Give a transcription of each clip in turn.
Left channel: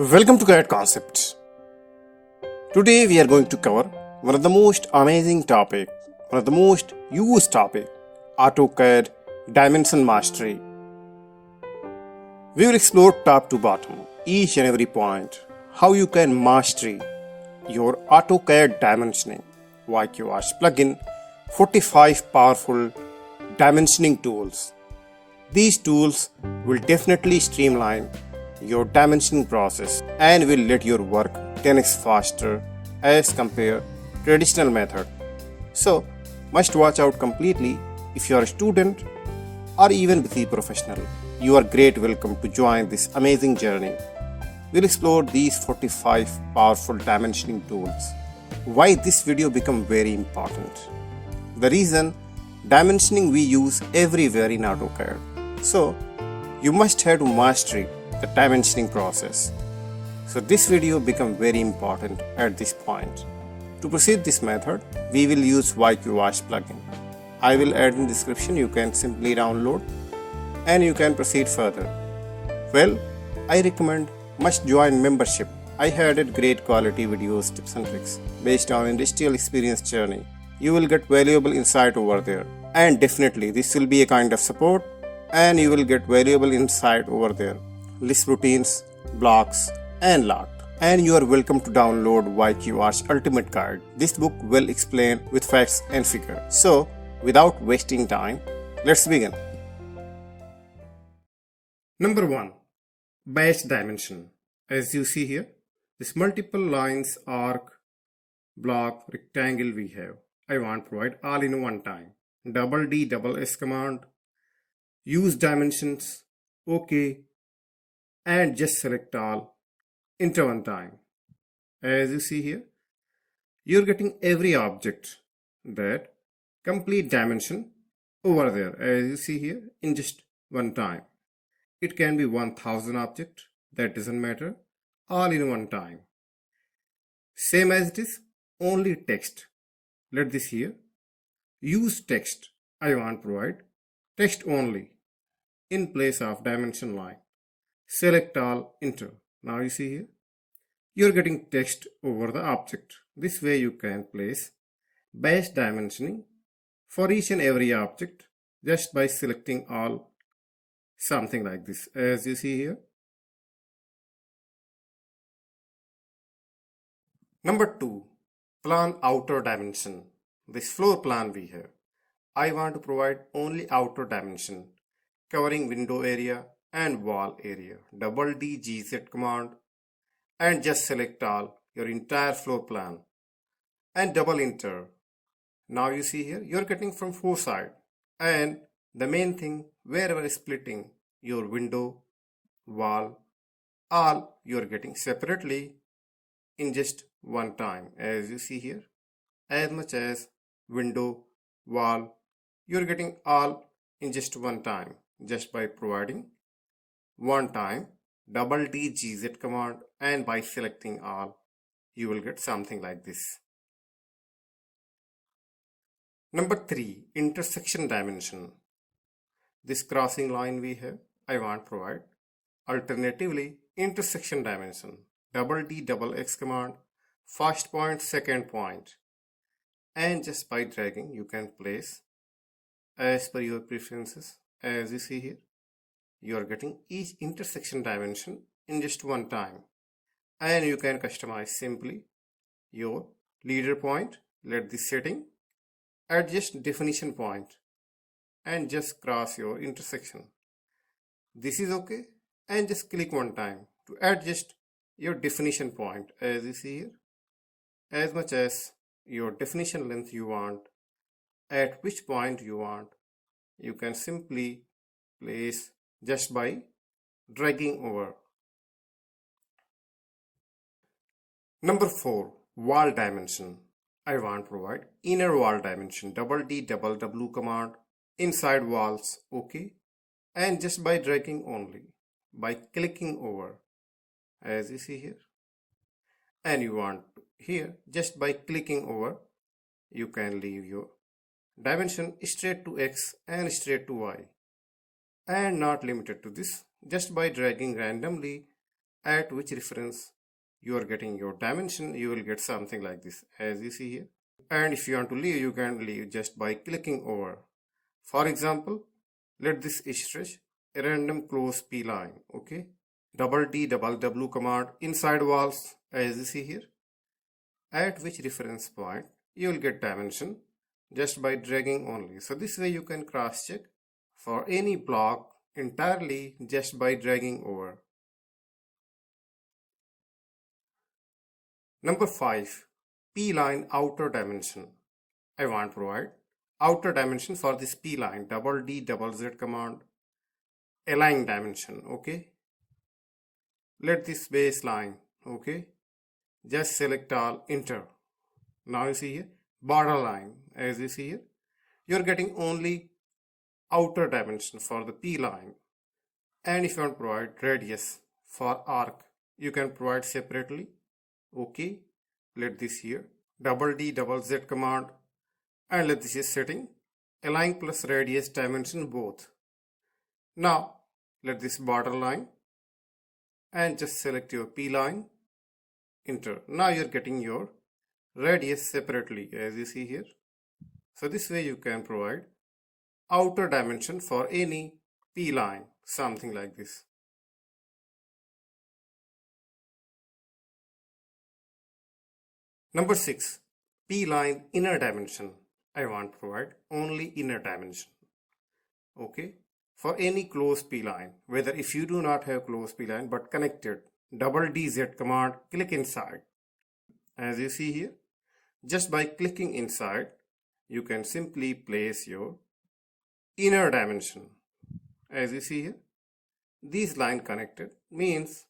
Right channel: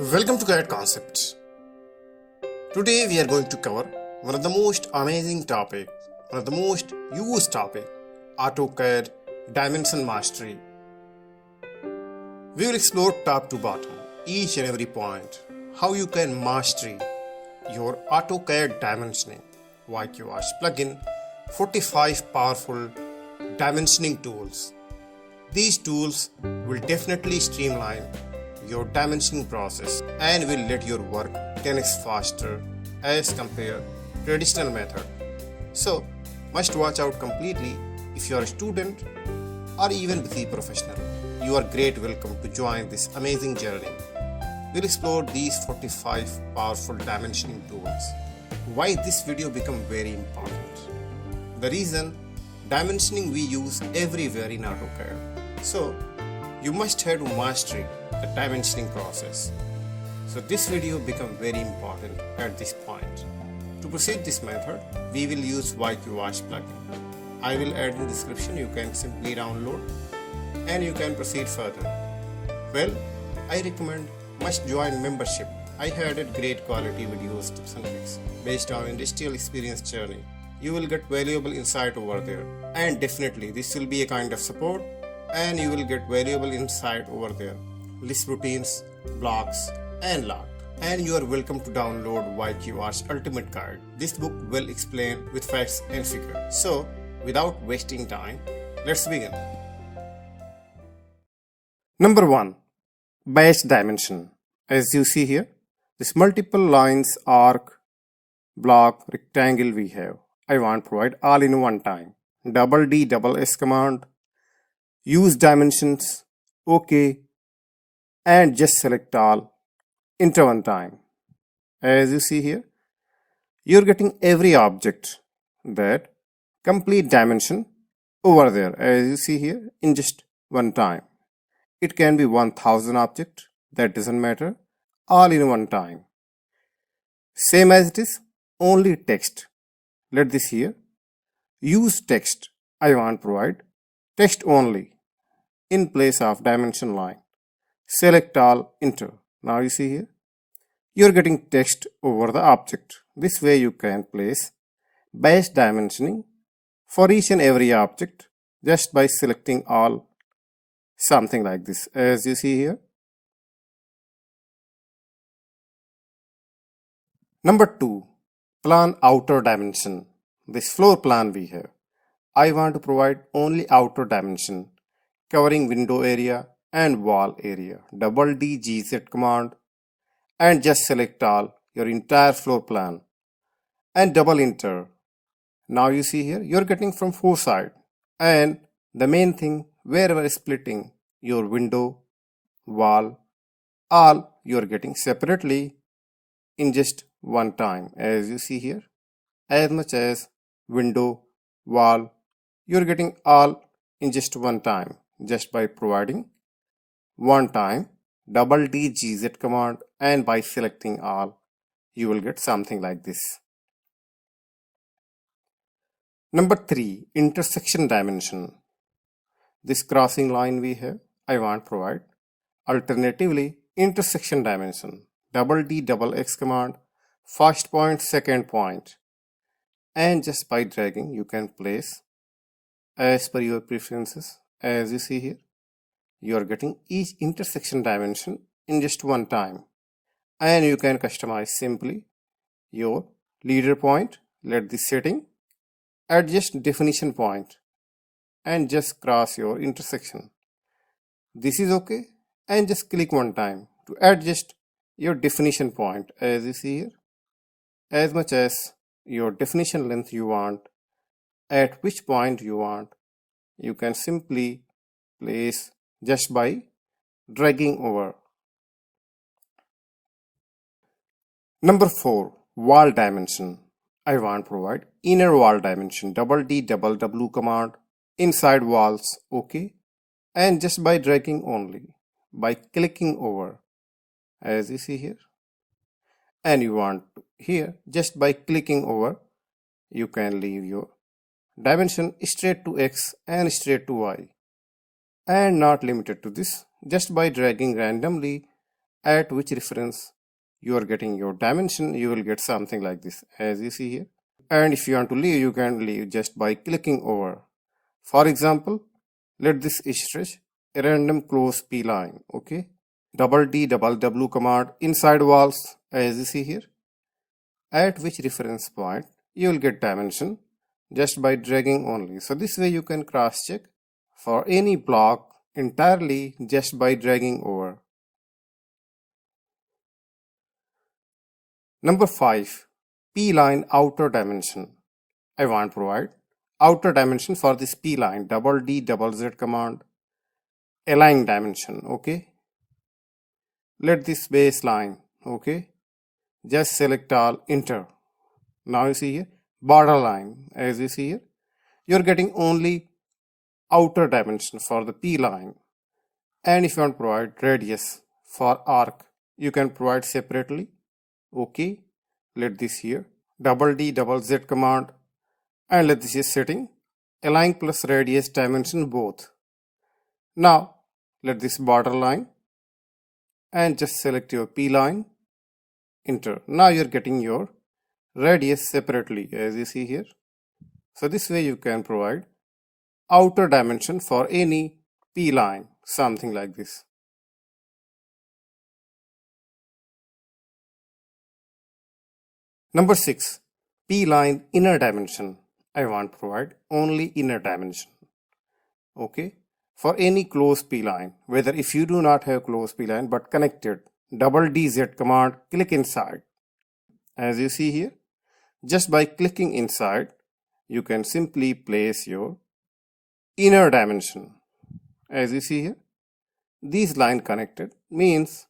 Welcome to CAD Concepts. Today we are going to cover one of the most amazing topic, one of the most used topic, AutoCAD Dimension Mastery. We will explore top to bottom, each and every point, how you can master your AutoCAD dimensioning, YQArch Plugin, 45 powerful dimensioning tools. These tools will definitely streamline your dimensioning process and will let your work 10x faster as compared to traditional method. So must watch out completely if you are a student or even busy professional. You are great welcome to join this amazing journey. We'll explore these 45 powerful dimensioning tools. Why this video become very important? The reason dimensioning we use everywhere in AutoCAD. So you must have to master the dimensioning process. So this video become very important at this point. To proceed this method, we will use YQArch plugin. I will add in description. You can simply download and you can proceed further. Well, I recommend must join membership. I have added great quality videos, tips and tricks based on industrial experience journey. You will get valuable insight over there, and definitely this will be a kind of support and you will get valuable insight over there. LISP routines, blocks and lot. And you are welcome to download YQArch Ultimate Guide. This book will explain with facts and figures. So without wasting time, let's begin. Number 1. Base dimension. As you see here, this multiple lines, arc, block, rectangle we have. I want to provide all in one time. Double D, double S command. Use dimensions. OK. And just select all, enter one time. As you see here, you're getting every object that complete dimension over there, as you see here, in just one time. It can be 1000 object, that doesn't matter, all in one time. Same as it is, only text. Let this here, use text. I want to provide text only in place of dimension line. Select all, enter. Now you see here, you're getting text over the object. This way you can place base dimensioning for each and every object just by selecting all, something like this, as you see here. Number 2, plan outer dimension. This floor plan we have. I want to provide only outer dimension covering window area and wall area. Double D GZ command and just select all, your entire floor plan, and double enter. Now you see here, you're getting from 4 sides, and the main thing, wherever splitting your window, wall, all you're getting separately in just one time. As you see here, as much as window, wall, you're getting all in just one time, just by providing one time double D GZ command, and by selecting all, you will get something like this. Number 3, intersection dimension. This crossing line we have, I want to provide alternatively intersection dimension. Double D double X command, first point, second point, and just by dragging you can place as per your preferences. As you see here, you are getting each intersection dimension in just one time, and you can customize simply your leader point. Let this setting, adjust definition point, and just cross your intersection. This is okay, and just click one time to adjust your definition point. As you see here, as much as your definition length you want, at which point you want, you can simply place just by dragging over. Number 4, wall dimension. I want to provide inner wall dimension. Double D double W command, inside walls, OK, and just by dragging only, by clicking over, as you see here, and you want here, just by clicking over, you can leave your dimension straight to X and straight to Y. And not limited to this, just by dragging randomly at which reference you are getting your dimension, you will get something like this, as you see here. And if you want to leave, you can leave just by clicking over. For example, let this stretch a random close P line, okay? Double D, double W command inside walls, as you see here, at which reference point you will get dimension just by dragging only. So this way you can cross check for any block entirely just by dragging over. Number 5, P line outer dimension. I want to provide outer dimension for this P line, double D, double Z command, align dimension, okay? Let this baseline, okay? Just select all, enter. Now you see here, border line, as you see here, you're getting only outer dimension for the P line. And if you want to provide radius for arc, you can provide separately, okay? Let this here, double D, double Z command, and let this is setting, align plus radius dimension both. Now, let this border line, and just select your P line, enter. Now you're getting your radius separately, as you see here. So this way you can provide outer dimension for any P line, something like this. Number 6, P line inner dimension. I want to provide only inner dimension, okay? For any closed P line, whether if you do not have closed P line but connected, double DZ command, click inside. As you see here, just by clicking inside, you can simply place your inner dimension. As you see here, these line connected means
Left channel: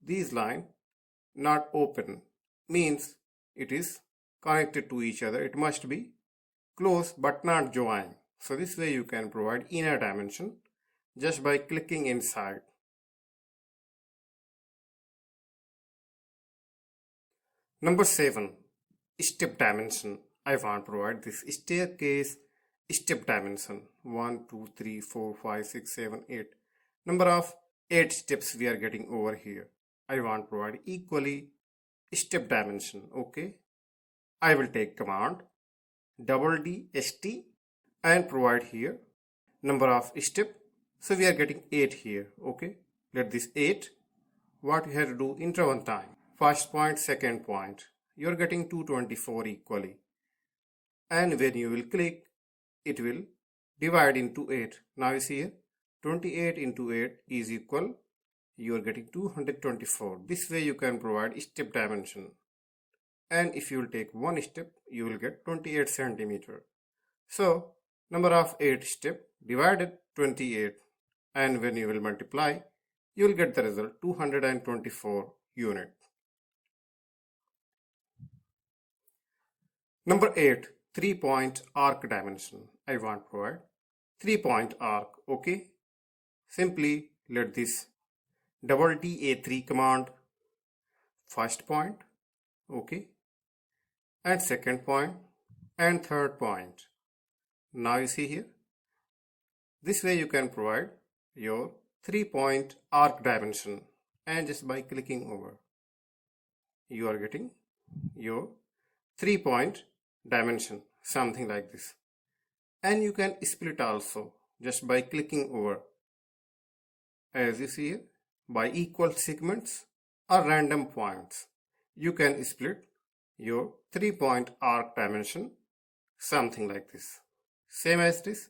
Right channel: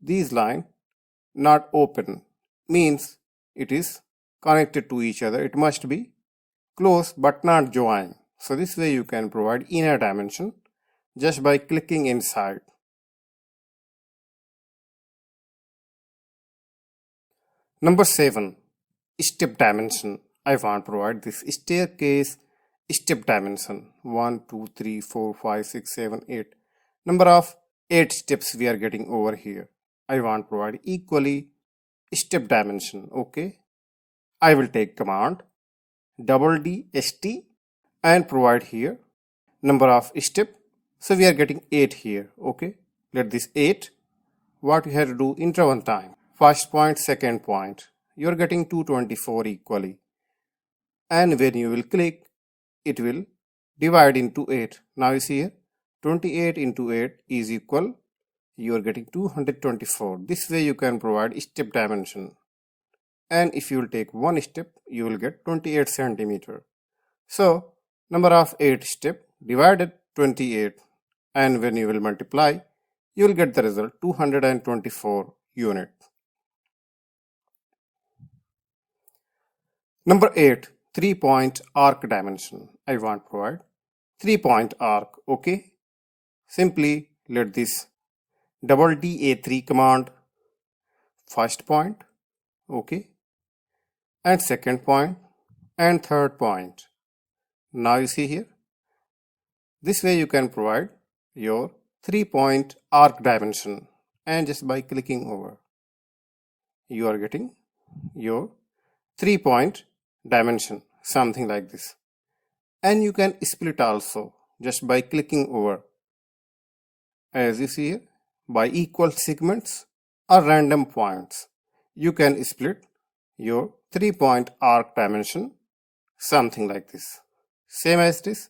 these line not open, means it is connected to each other. It must be close but not join. So this way you can provide inner dimension just by clicking inside. Number 7, step dimension. I want to provide this staircase step dimension. 1, 2, 3, 4, 5, 6, 7, 8. Number of 8 steps we are getting over here. I want to provide equally step dimension, okay? I will take command double D ST and provide here number of step. So we are getting 8 here, okay? Let this 8, what we have to do, enter one time. First point, second point. You are getting 224 equally. And when you will click, it will divide into 8. Now you see here, 28 into 8 is equal, you are getting 224. This way you can provide step dimension. And if you will take one step, you will get 28 centimeter. So number of 8 step divided 28, and when you will multiply, you will get the result 224 unit. Number 8, 3-point arc dimension. I want to provide 3-point arc, okay? Simply let this double DA3 command, first point, okay, and second point, and third point. Now you see here, this way you can provide your 3-point arc dimension, and just by clicking over, you are getting your 3-point dimension, something like this. And you can split also just by clicking over. As you see here, by equal segments or random points, you can split your 3-point arc dimension, something like this. Same as this,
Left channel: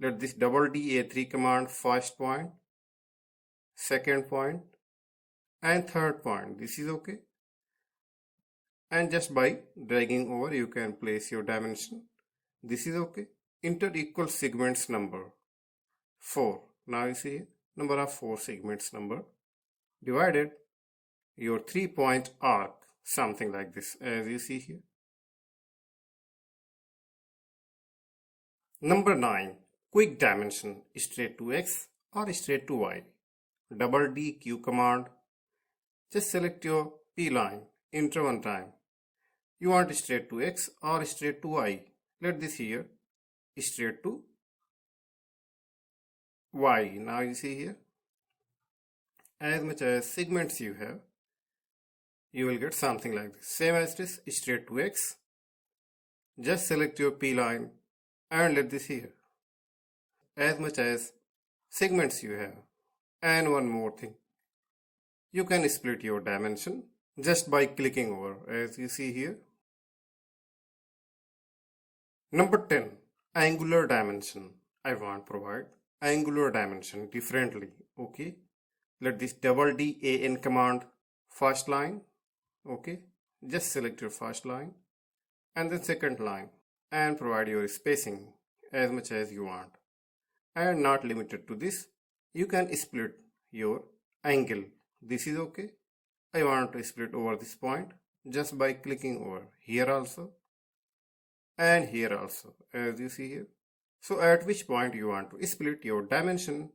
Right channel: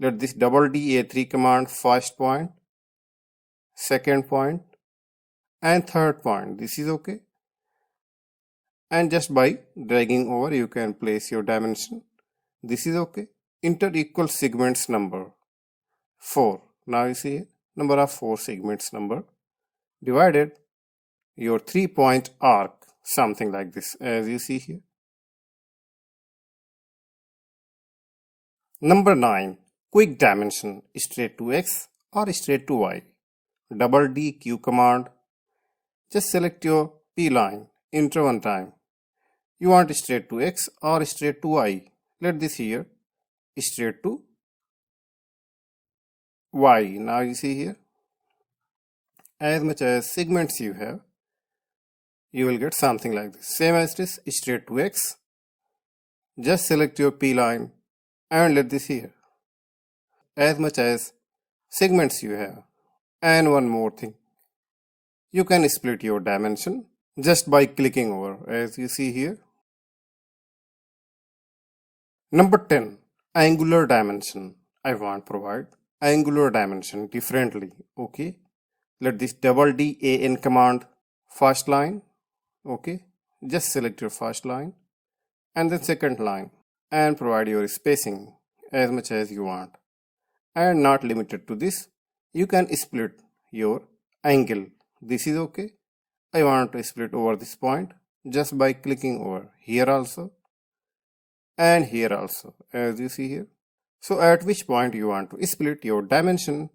let this double DA3 command, first point, second point, and third point. This is okay. And just by dragging over, you can place your dimension. This is okay. Enter equal segments number 4. Now you see number of 4 segments number divided your 3-point arc, something like this, as you see here. Number 9, quick dimension, straight to X or straight to Y. Double DQ command. Just select your P line, enter one time. You want straight to X or straight to Y. Let this here straight to Y. Now you see here. as much as segments you have, you will get something like this. Same as this, straight to X. Just select your P line and let this here. As much as segments you have. And one more thing, you can split your dimension just by clicking over, as you see here. Number 10, angular dimension. I want to provide angular dimension differently. Okay, let this DAN command first line. Okay, just select your first line and then second line and provide your spacing as much as you want. And not limited to this, you can split your angle. This is okay. I want to split over this point just by clicking over here also and here also, as you see here. So at which point you want to split your dimension,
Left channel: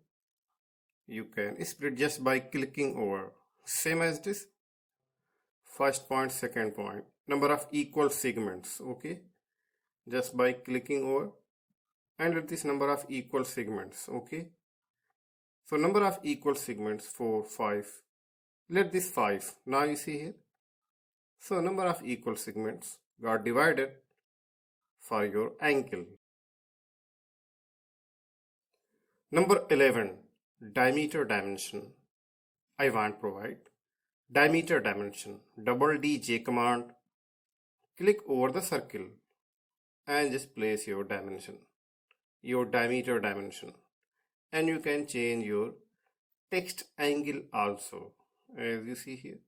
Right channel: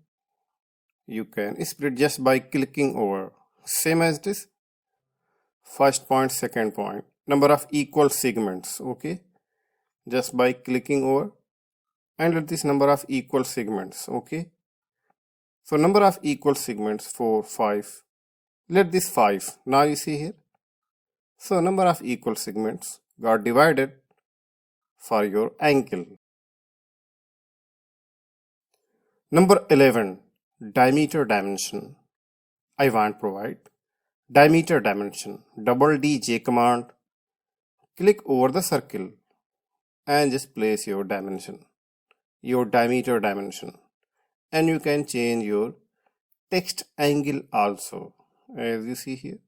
you can split just by clicking over. Same as this, first point, second point, number of equal segments. Okay, just by clicking over and let this number of equal segments. Okay, so number of equal segments 4, 5. Let this 5. Now you see here. So number of equal segments got divided for your angle. Number 11, diameter dimension. I want to provide diameter dimension. Double DJ command. Click over the circle and just place your dimension, your diameter dimension. And you can change your text angle also, as you see here.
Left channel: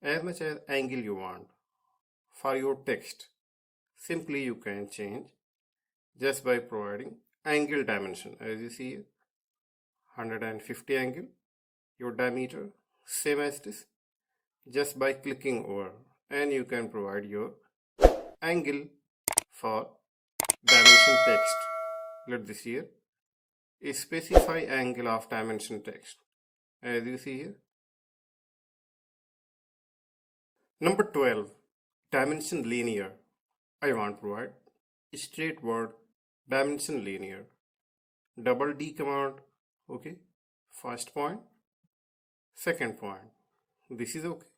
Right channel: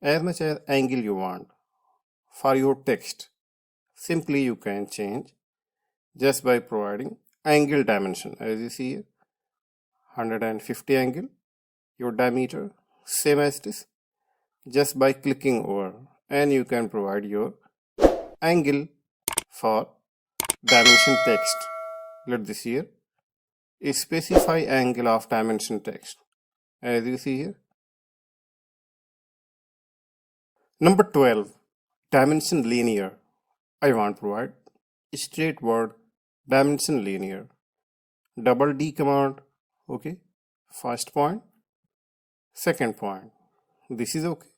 As much as angle you want for your text, simply you can change just by providing angle dimension. As you see here, 150 angle, your diameter, same as this, just by clicking over, and you can provide your angle for dimension text. Let this here specify angle of dimension text, as you see here. Number 12, dimension linear. I want to provide straight word dimension linear. Double D command. Okay, first point, second point. This is okay.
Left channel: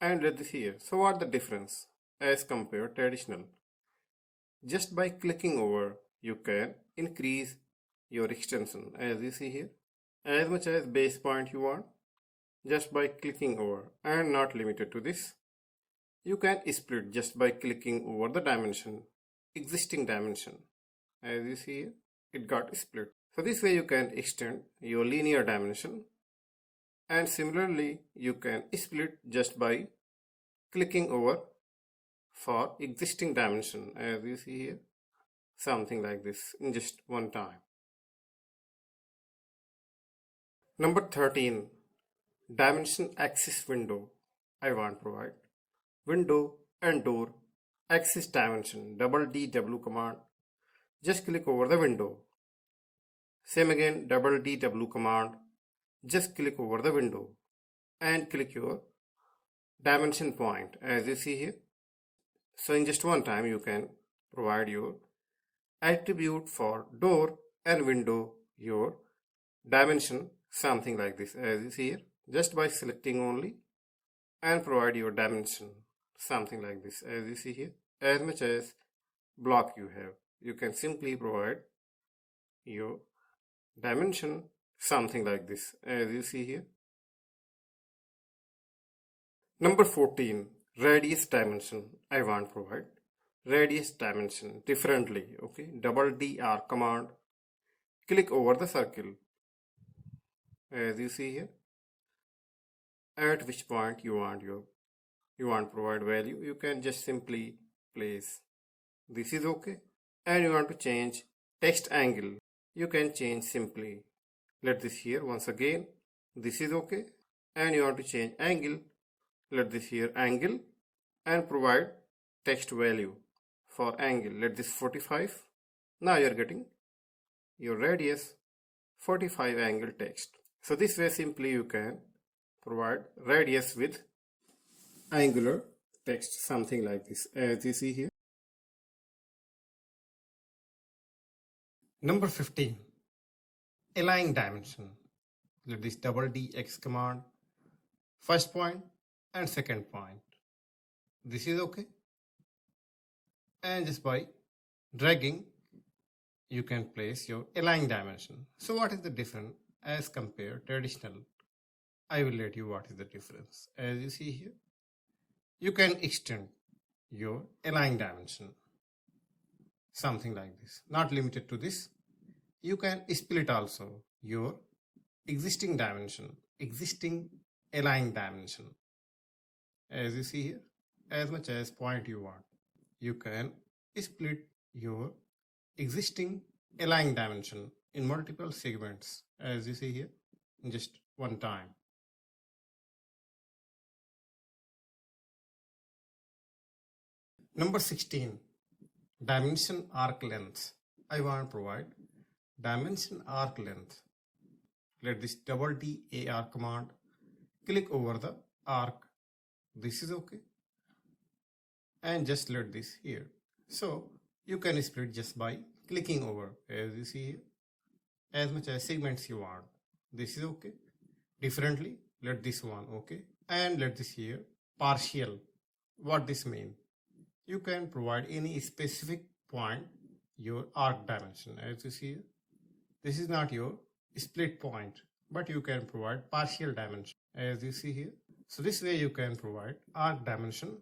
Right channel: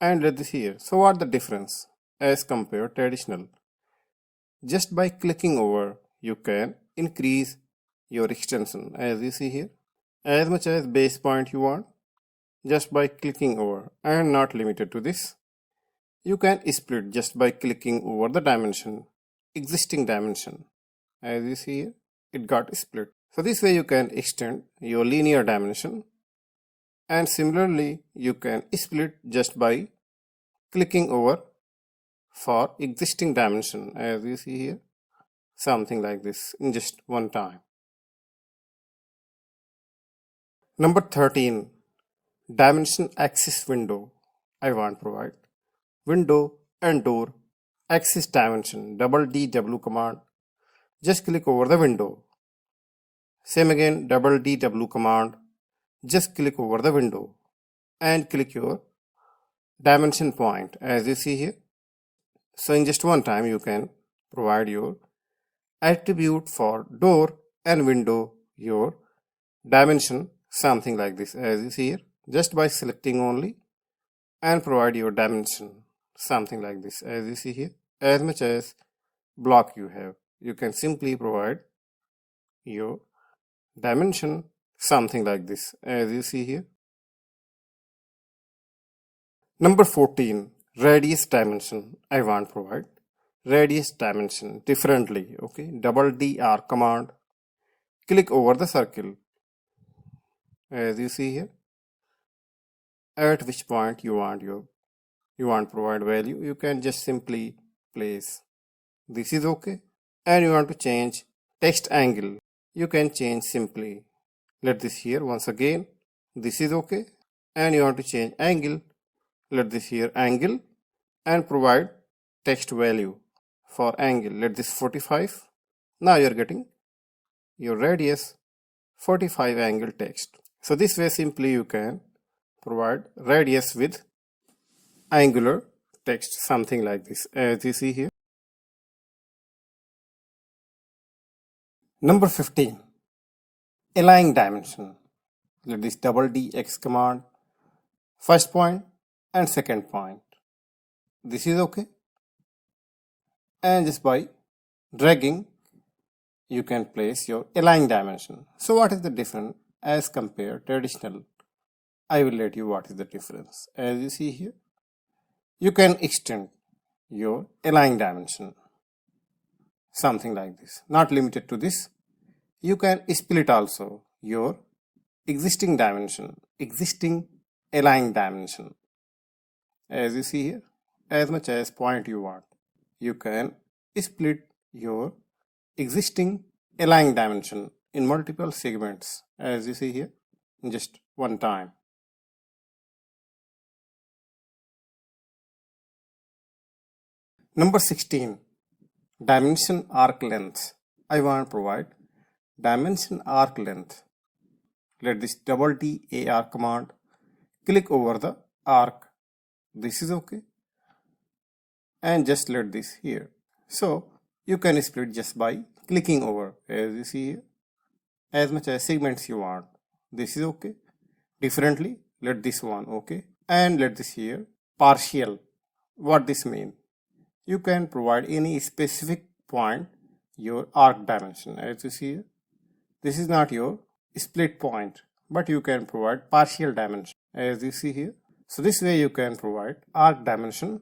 And let this here. So what the difference as compared traditional? Just by clicking over, you can increase your extension, as you see here, as much as base point you want, just by clicking over, and not limited to this. You can split just by clicking over the dimension, existing dimension. As you see here, it got split. So this way you can extend your linear dimension, and similarly you can split just by clicking over for existing dimension, as you see here, something like this in just one time. Number 13, dimension axis window. I want to provide window and door axis dimension. Double DW command. Just click over the window. Same again, double DW command. Just click over the window and click your dimension point, as you see here. So in just one time you can provide your attribute for door and window, your dimension, something like this, as you see here, just by selecting only and provide your dimension, something like this, as you see here. As much as block you have, you can simply provide your dimension, something like this, as you see here. Number 14, radius dimension. I want to provide radius dimension differently. Okay, double DR command. Click over the circle, as you see here. At which point you want to provide value, you can just simply place. This is okay. And you want to change text angle, you can change simply. Let this here once again. This is okay. And you want to change angle. Let this here angle and provide text value for angle. Let this 45. Now you are getting your radius 45 angle text. So this way simply you can provide radius with angular text, something like this, as you see here. Number 15, align dimension. let this double DX command, first point and second point. This is okay. And just by dragging, you can place your align dimension. So what is the difference as compared traditional? I will let you what is the difference. As you see here, you can extend your align dimension. Something like this. Not limited to this. You can split also your existing dimension, existing align dimension. As you see here, as much as point you want, you can split your existing align dimension in multiple segments, as you see here, in just one time. Number 16, dimension arc length. I want to provide dimension arc length. Let this double DAR command, click over the arc. This is okay. And just let this here. So you can split just by clicking over, as you see here, as much as segments you want. This is okay. Differently, let this one okay. And let this here partial. What this mean? You can provide any specific point your arc dimension, as you see here. This is not your split point, but you can provide partial dimension, as you see here. So this way you can provide arc dimension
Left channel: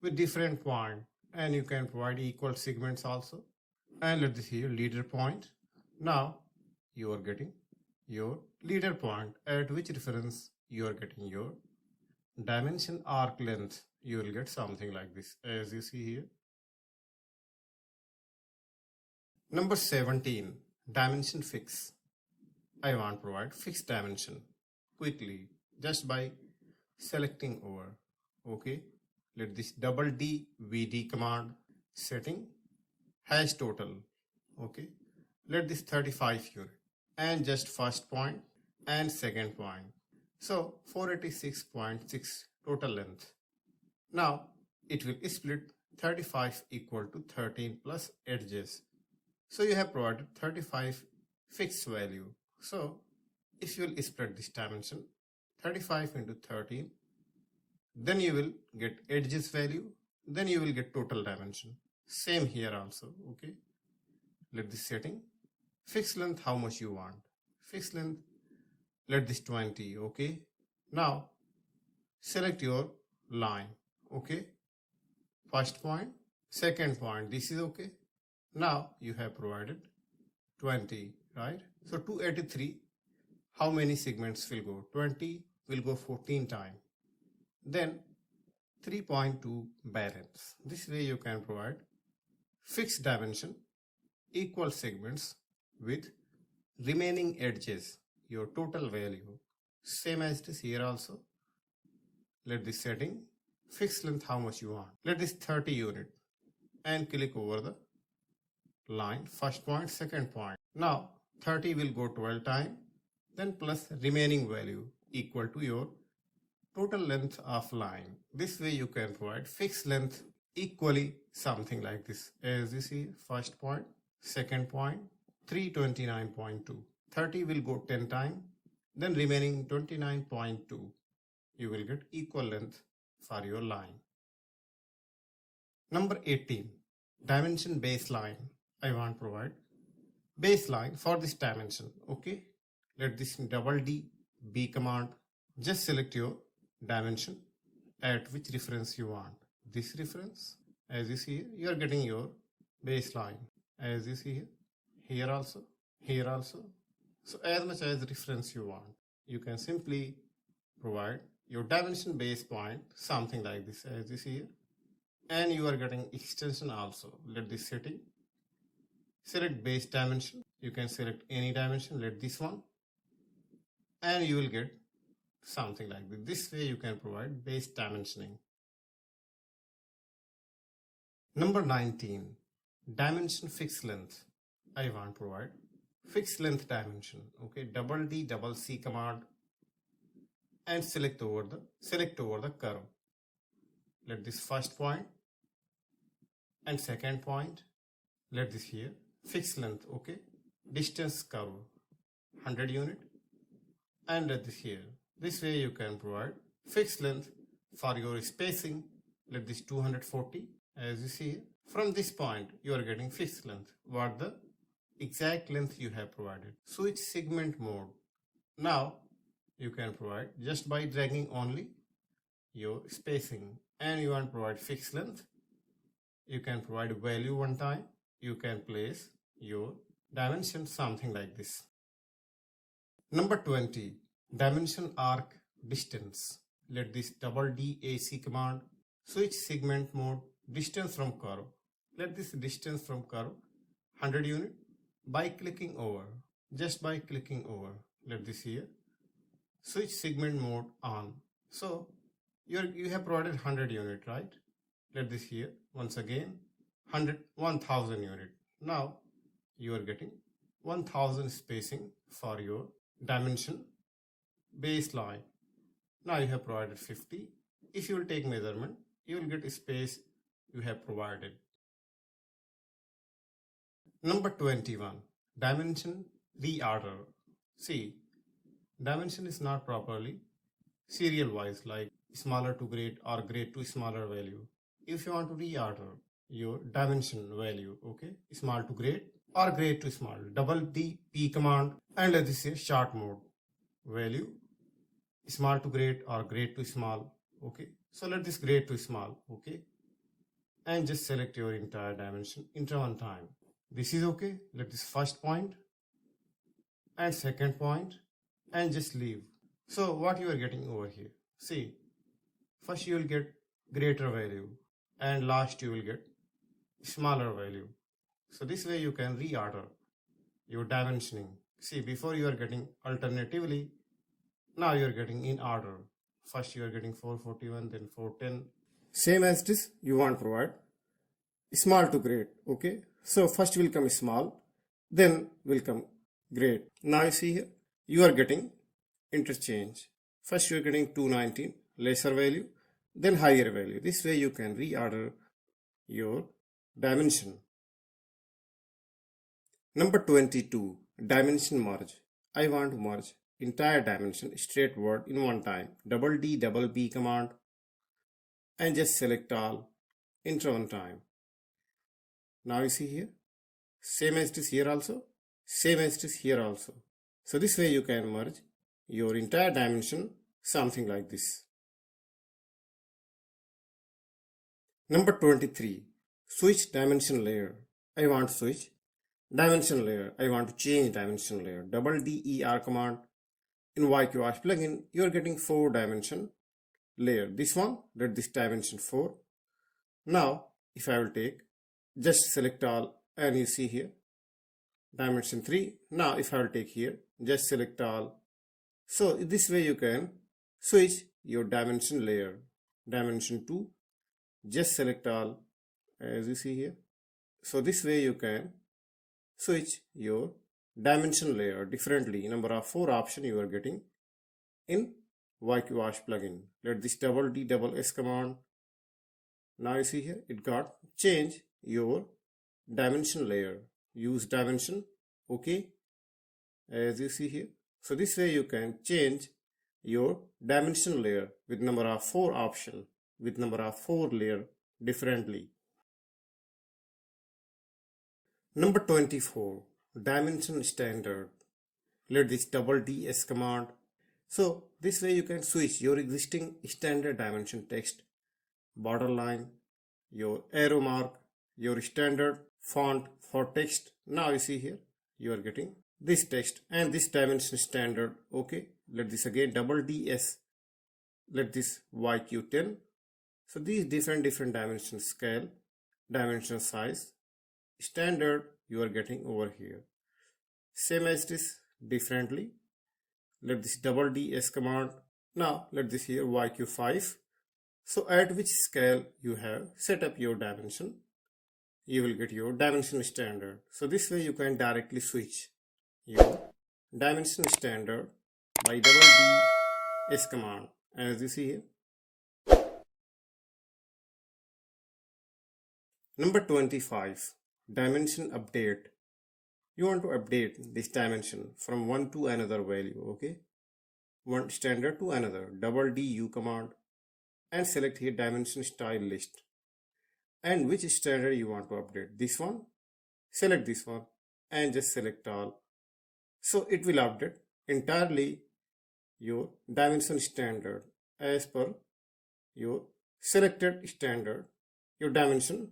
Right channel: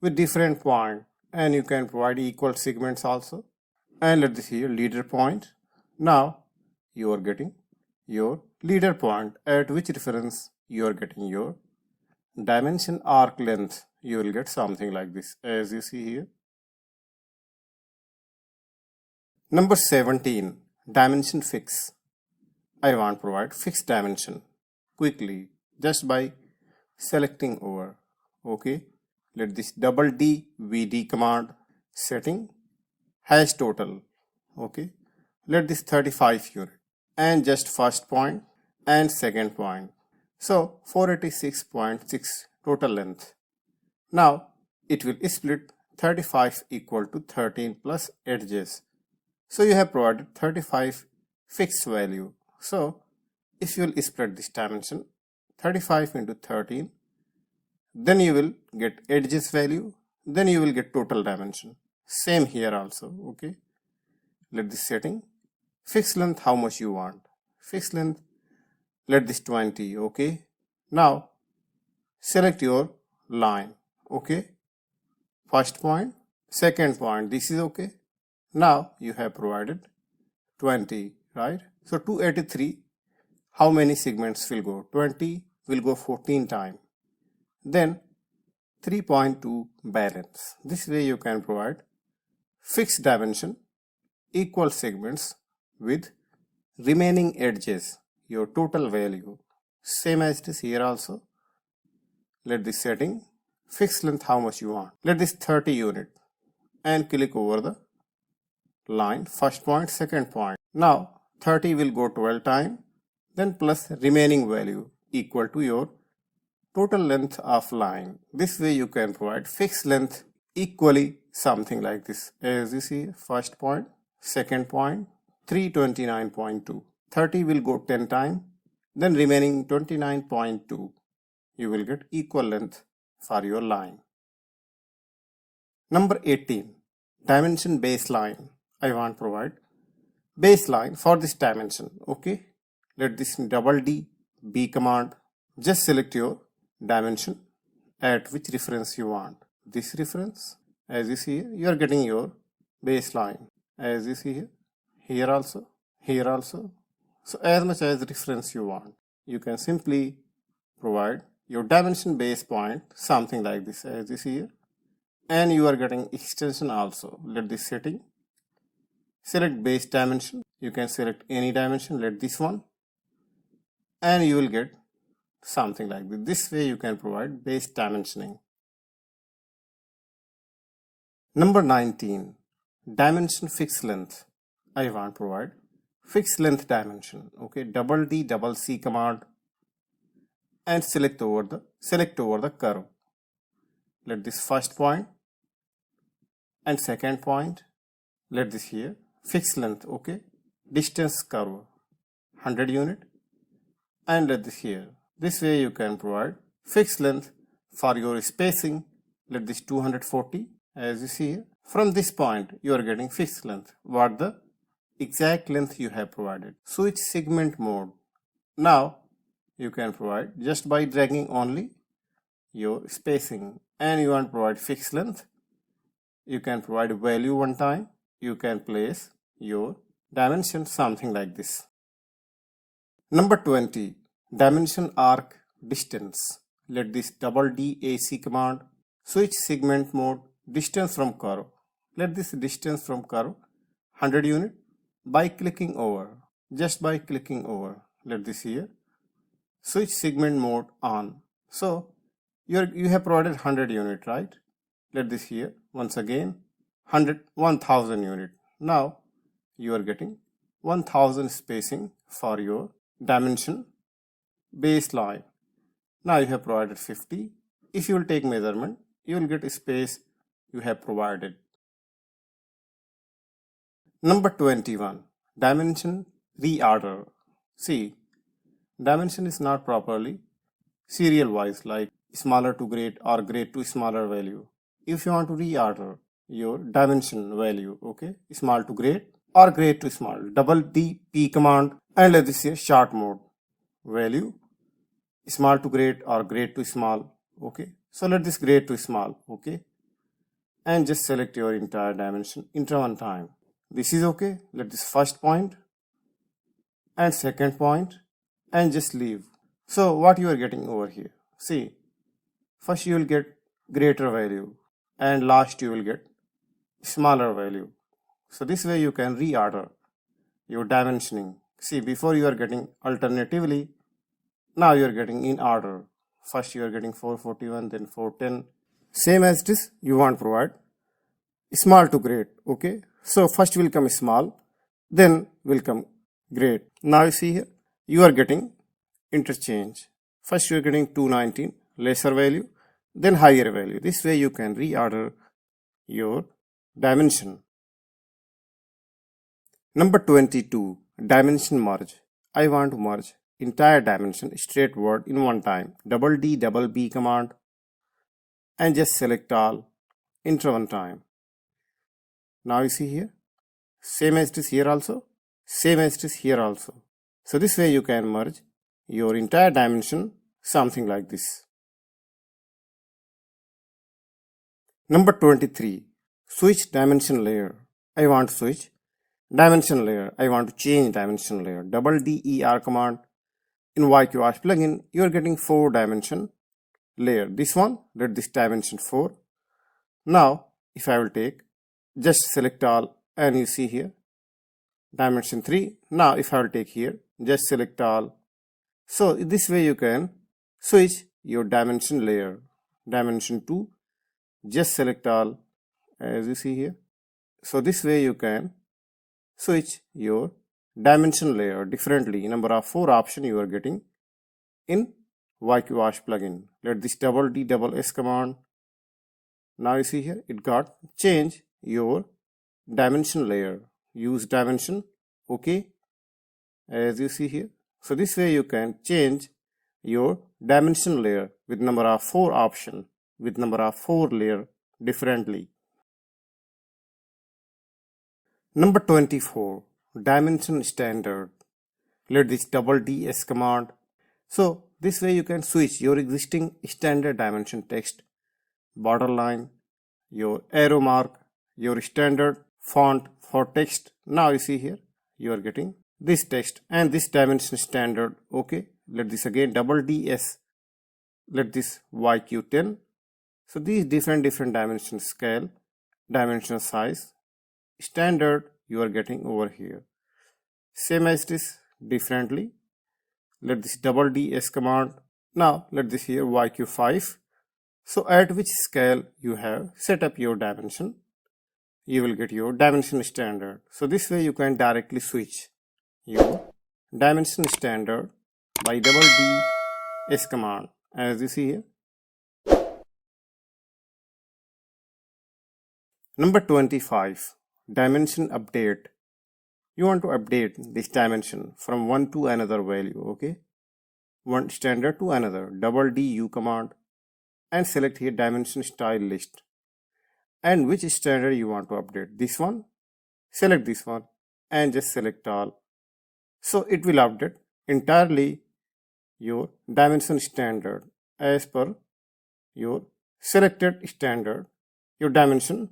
with different point, and you can provide equal segments also. And let this here leader point. Now you are getting your leader point, at which reference you are getting your dimension arc length. You will get something like this, as you see here. Number 17, dimension fix. I want to provide fixed dimension quickly just by selecting over. Okay, let this double DVD command, setting hash total. Okay, let this 35 unit and just first point and second point. So 486.6 total length. Now it will split 35 equal to 13 plus edges. So you have provided 35 fixed value. So if you will split this dimension 35 into 13, then you will get edges value, then you will get total dimension. Same here also. Okay, let this setting, fixed length, how much you want. Fixed length, let this 20. Okay, now select your line. Okay, first point, second point, this is okay. Now you have provided 20, right? So 283, how many segments will go? 20 will go 14 times. Then 3.2 balance. This way you can provide fixed dimension, equal segments with remaining edges, your total value. Same as it is here also. Let this setting, fixed length, how much you want. Let this 30 unit and click over the line, first point, second point. Now 30 will go 12 times, then plus remaining value equal to your total length of line. This way you can provide fixed length equally, something like this. As you see, first point, second point, 329.2. 30 will go 10 times, then remaining 29.2. You will get equal length for your line. Number 18, dimension baseline. I want to provide baseline for this dimension. Okay, let this double D B command, just select your dimension at which reference you want. This reference, as you see here, you are getting your baseline. As you see here, here also, here also. So as much as reference you want, you can simply provide your dimension base point, something like this, as you see here. And you are getting extension also. Let this setting, select base dimension. You can select any dimension, let this one, and you will get something like this. This way you can provide base dimensioning. Number 19, dimension fixed length. I want to provide fixed length dimension. Okay, double D double C command and select over the curve. Let this first point and second point, let this here fixed length. Okay, distance curve 100 unit and let this here. This way you can provide fixed length for your spacing. Let this 240 as you see here. From this point you are getting fixed length. What the exact length you have provided. Switch segment mode. Now you can provide just by dragging only your spacing, and you want to provide fixed length. You can provide value one time. You can place your dimension something like this. Number 20, dimension arc distance. Let this double DAC command switch segment mode distance from curve. Let this distance from curve 100 unit by clicking over. Just by clicking over. Let this here. Switch segment mode on. So you have provided 100 unit, right? Let this here once again 1000 unit. Now you are getting 1000 spacing for your dimension baseline. Now you have provided 50. If you will take measurement, you will get a space you have provided. Number 21, dimension reorder. See, dimension is not properly serial wise, like smaller to great or great to smaller value. If you want to reorder your dimension value, okay, small to great or great to small, double DP command, and let this here short mode value small to great or great to small, okay. So let this great to small, okay, and just select your entire dimension into one time. This is okay. Let this first point and second point and just leave. So what you are getting over here, see, first you will get greater value and last you will get smaller value. So this way you can reorder your dimensioning. See, before you are getting alternatively, now you are getting in order. First you are getting 441, then 410. Same as this, you want to provide small to great, okay. So first will come small, then will come great. Now you see here, you are getting interchange. First you are getting 219, lesser value, then higher value. This way you can reorder your dimension. Number 22, dimension merge. I want to merge entire dimension straightforward in one time. Double D double B command and just select all, enter one time. Now you see here, same as it is here also, same as it is here also. So this way you can merge your entire dimension something like this. Number 23, switch dimension layer. I want to switch dimension layer. I want to change dimension layer. Double DER command. In YQArch plugin, you are getting 4 dimension layer. This one, let this dimension 4. Now, if I will take, just select all, and you see here, dimension 3. Now, if I will take here, just select all. So, this way you can switch your dimension layer. Dimension 2, just select all, as you see here. So, this way you can switch your dimension layer differently. Number of 4 option you are getting in YQArch plugin. Let this double D double S command. Now you see here, it got change your dimension layer. Use dimension, okay, as you see here. So this way you can change your dimension layer with number of 4 option, with number of 4 layer differently. Number 24, dimension standard. Let this double DS command. So this way you can switch your existing standard dimension text, borderline, your arrow mark, your standard font for text. Now you see here, you are getting this text and this dimension standard, okay. Let this again double DS, let this YQ10. So these different dimension scale, dimension size, standard you are getting over here. Same as this differently. Let this double DS command. Now let this here YQ5. So at which scale you have set up your dimension, you will get your dimension standard. So this way you can directly switch your dimension standard by double DS command, as you see here. Number 25, dimension update. You want to update this dimension from one to another value, okay. one standard to another. Double D U command and select here dimension style list. And which standard you want to update? This one, select this one and just select all. So it will update entirely your dimension standard as per your selected standard. Your dimension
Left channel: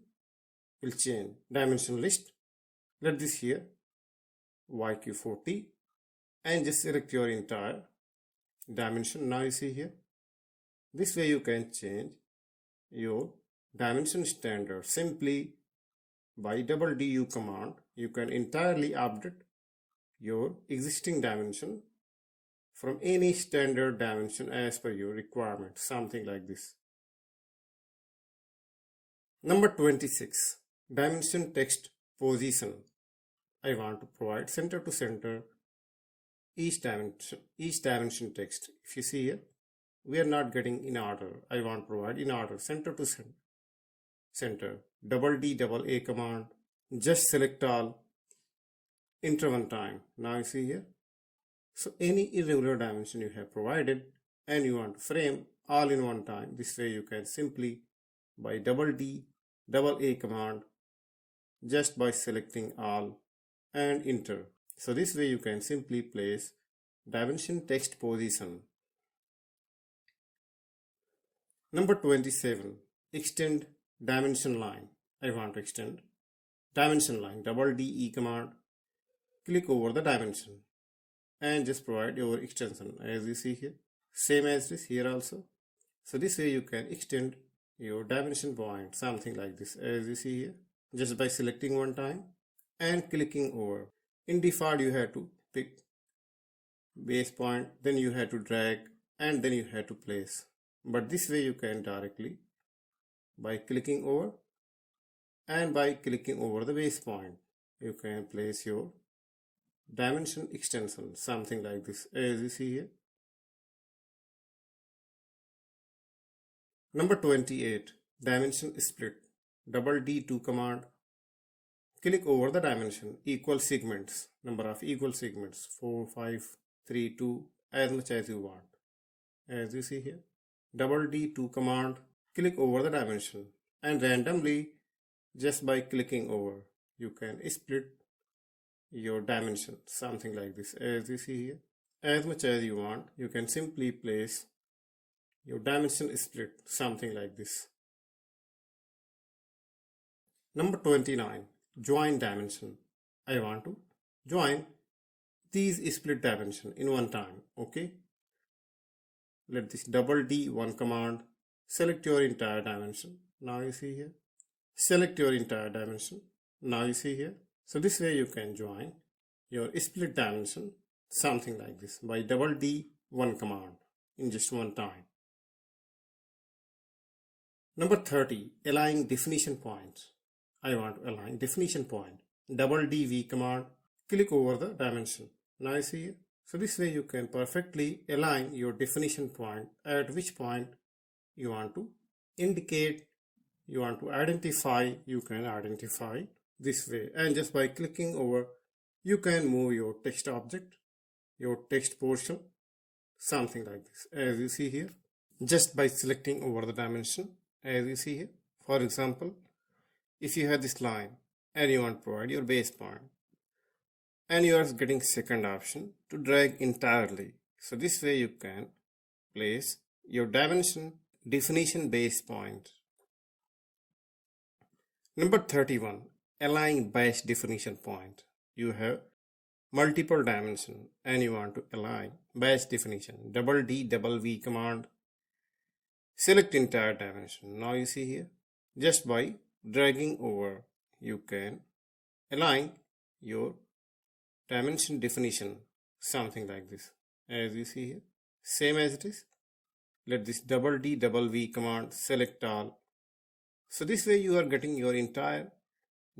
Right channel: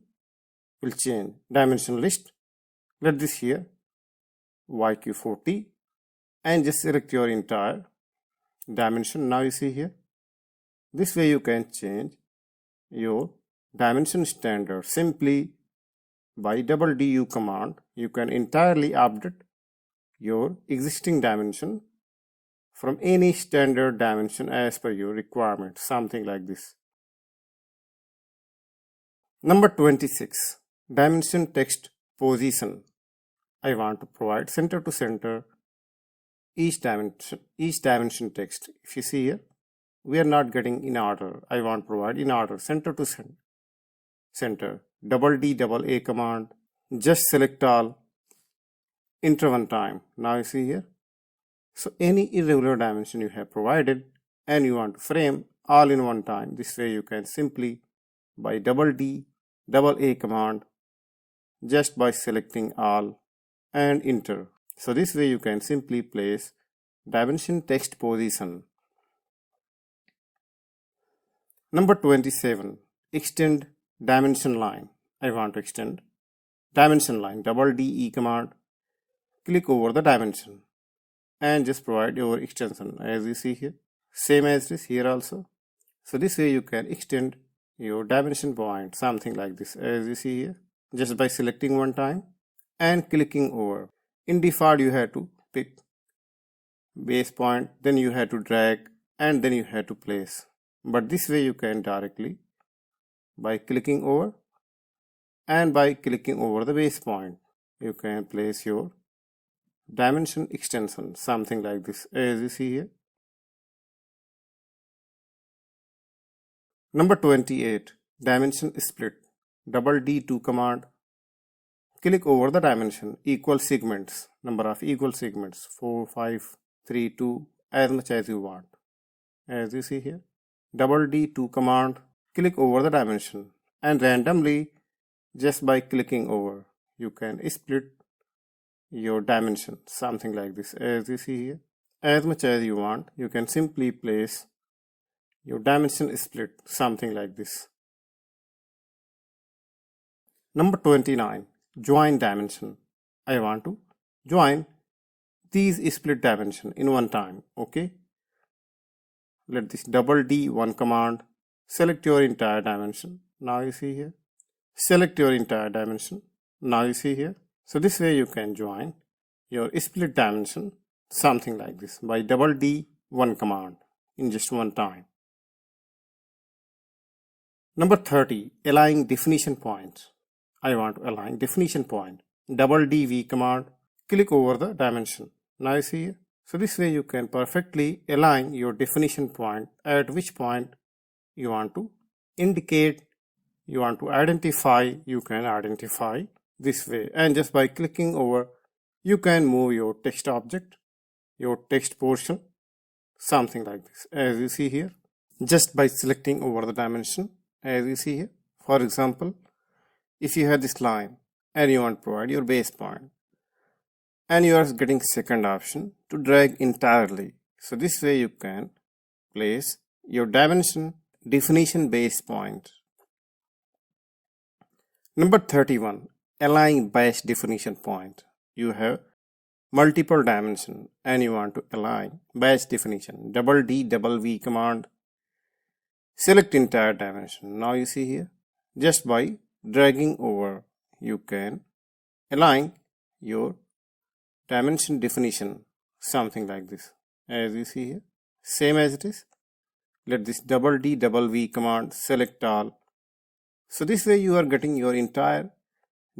will change. Dimension list, let this here YQ40 and just select your entire dimension. Now you see here, this way you can change your dimension standard simply by double DU command. You can entirely update your existing dimension from any standard dimension as per your requirement, something like this. Number 26, dimension text position. I want to provide center to center each dimension text. If you see here, we are not getting in order. I want to provide in order, center to center. Double D double A command, just select all, enter one time. Now you see here, so any irregular dimension you have provided and you want to frame all in one time, this way you can simply by double D double A command, just by selecting all and enter. So this way you can simply place dimension text position. Number 27, extend dimension line. I want to extend dimension line. Double DE command, click over the dimension and just provide your extension as you see here. Same as this here also. So this way you can extend your dimension point, something like this as you see here, just by selecting one time and clicking over. In default you have to pick base point, then you have to drag and then you have to place. But this way you can directly by clicking over and by clicking over the base point, you can place your dimension extension, something like this as you see here. Number 28, dimension split. Double D2 command, click over the dimension, equal segments, number of equal segments, 4, 5, 3, 2, as much as you want. As you see here, double D2 command, click over the dimension and randomly just by clicking over, you can split your dimension, something like this as you see here. As much as you want, you can simply place your dimension split, something like this. Number 29, join dimension. I want to join these split dimension in one time. Okay, let this double D1 command, select your entire dimension. Now you see here, select your entire dimension. Now you see here. So this way you can join your split dimension, something like this, by double D1 command in just one time. Number 30, align definition points. I want to align definition point. Double DV command, click over the dimension. Now you see here. So this way you can perfectly align your definition point, at which point you want to indicate, you want to identify, you can identify this way. And just by clicking over, you can move your text object, your text portion, something like this as you see here, just by selecting over the dimension as you see here. For example, if you have this line and you want to provide your base point and you are getting second option to drag entirely. So this way you can place your dimension definition base point. Number 31, align base definition point. You have multiple dimension and you want to align base definition. Double D double V command, select entire dimension. Now you see here, just by dragging over, you can align your dimension definition, something like this as you see here. Same as it is, let this double D double V command, select all. So this way you are getting your entire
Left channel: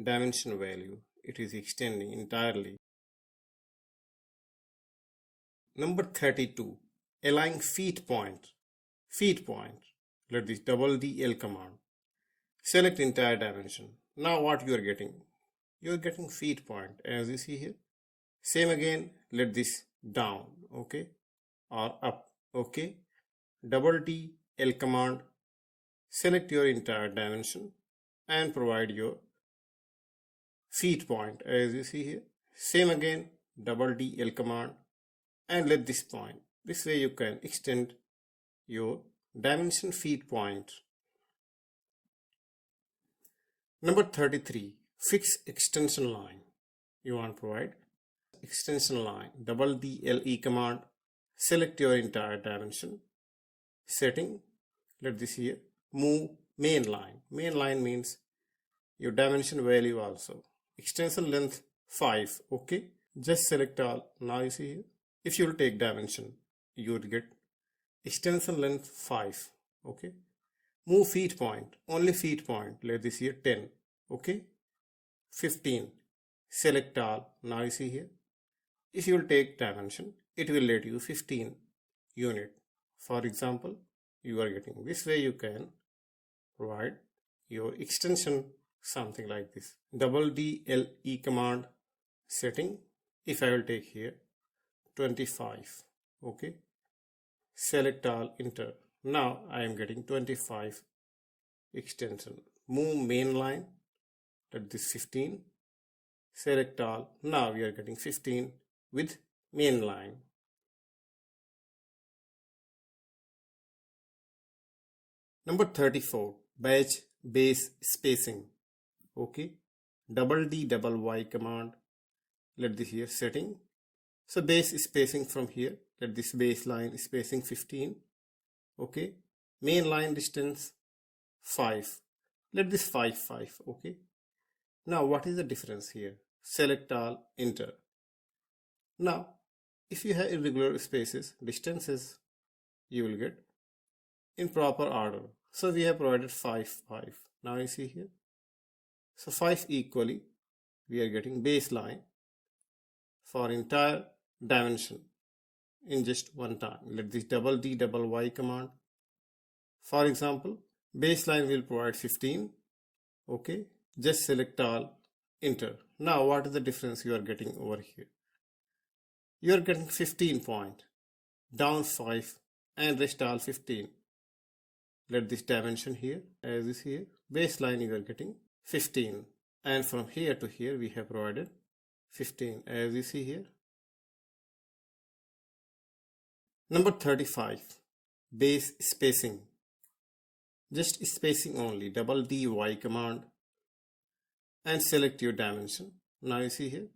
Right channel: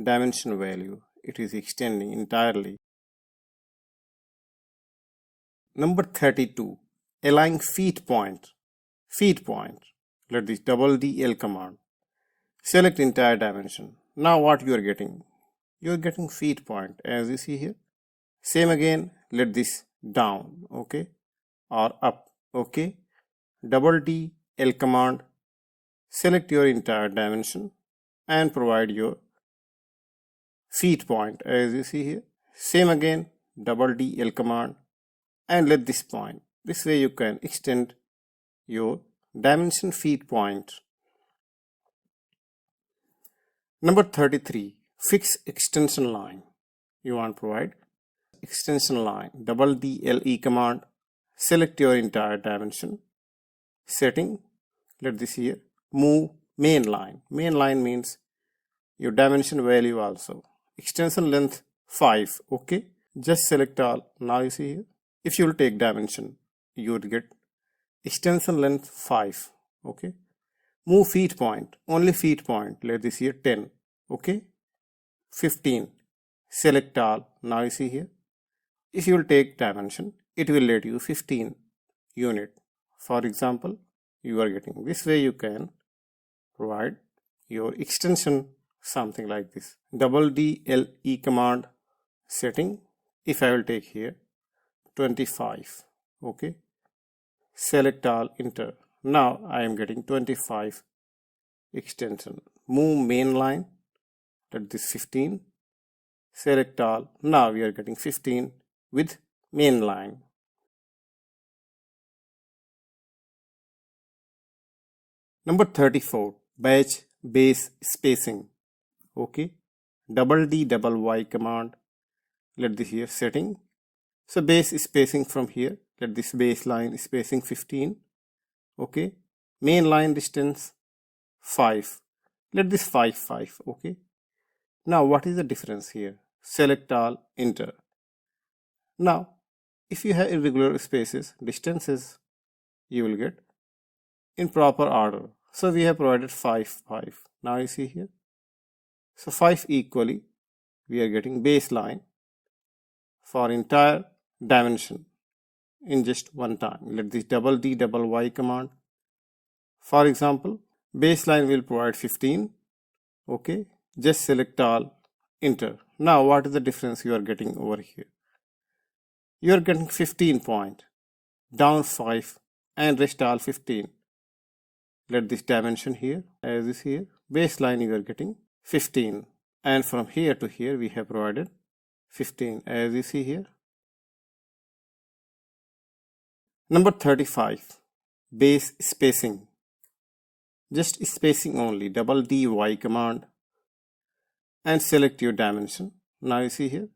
dimension value. It is extending entirely. Number 32, align feet point. Feet point, let this double DL command, select entire dimension. Now what you are getting? You are getting feet point as you see here. Same again, let this down, okay, or up. Okay, double D L command, select your entire dimension and provide your feet point as you see here. Same again, double D L command and let this point. This way you can extend your dimension feet point. Number 33, fix extension line. You want to provide extension line, double D L E command, select your entire dimension, setting, let this here, move main line. Main line means your dimension value also. Extension length 5, okay. Just select all. Now you see here, if you will take dimension, you would get extension length 5, okay. Move feet point, only feet point, let this here 10, okay. 15, select all. Now you see here, if you will take dimension, it will let you 15 unit. For example, you are getting this way you can provide your extension something like this. Double D L E command, setting, if I will take here 25, okay. Select all, enter. Now I am getting 25 extension. Move main line, let this 15, select all. Now we are getting 15 with main line. Number 34, batch base spacing, okay. Double D double Y command, let this here setting. So base spacing from here, let this baseline spacing 15, okay. Main line distance 5, let this 5, okay. Now what is the difference here? Select all, enter. Now if you have irregular spaces, distances, you will get in proper order. So we have provided 5. Now you see here, so 5 equally we are getting baseline for entire dimension in just one time. Let this double D double Y command, for example, baseline will provide 15, okay. Just select all, enter. Now what is the difference you are getting over here? You are getting 15 point, down 5 and rest all 15. Let this dimension here as is here, baseline you are getting 15, and from here to here we have provided 15 as you see here. Number 35, base spacing, just spacing only, double D Y command and select your dimension. Now you see here,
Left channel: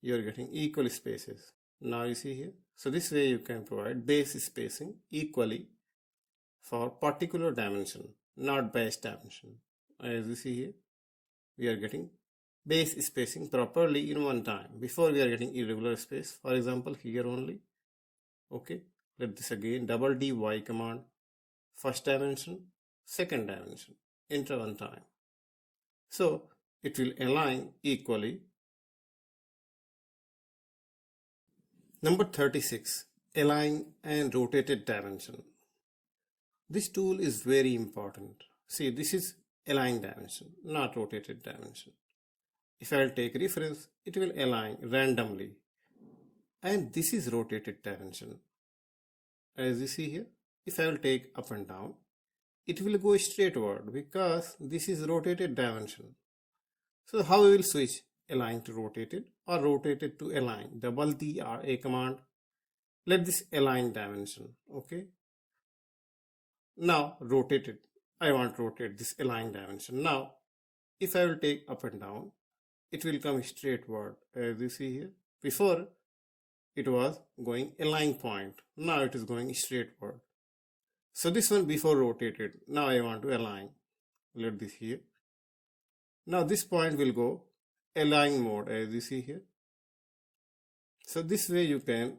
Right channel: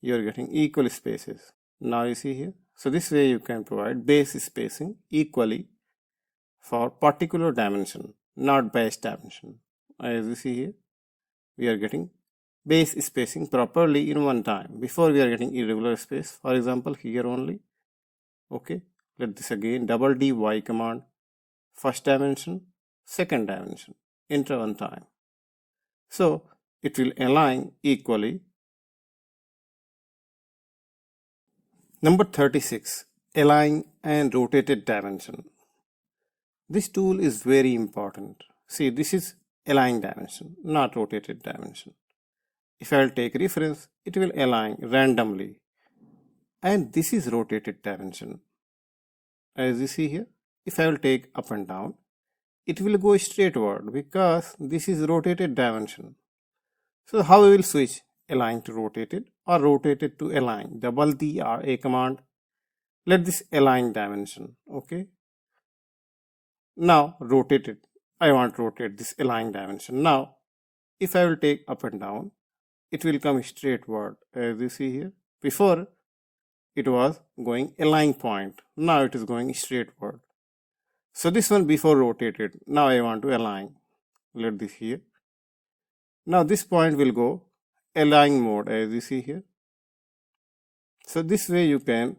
you are getting equal spaces. Now you see here, so this way you can provide base spacing equally for particular dimension, not base dimension. As you see here, we are getting base spacing properly in one time. Before we are getting irregular space, for example here only, okay. Let this again, double D Y command, first dimension, second dimension, enter one time. So it will align equally. Number 36, align and rotated dimension. This tool is very important. See, this is align dimension, not rotated dimension. If I will take reference, it will align randomly. And this is rotated dimension. As you see here, if I will take up and down, it will go straightward because this is rotated dimension. So how we will switch align to rotated or rotated to align? Double D or A command. Let this align dimension, okay. Now rotated, I want to rotate this align dimension. Now if I will take up and down, it will come straightward as you see here. Before it was going align point, now it is going straightward. So this one before rotated, now I want to align. Let this here. Now this point will go align mode as you see here. So this way you can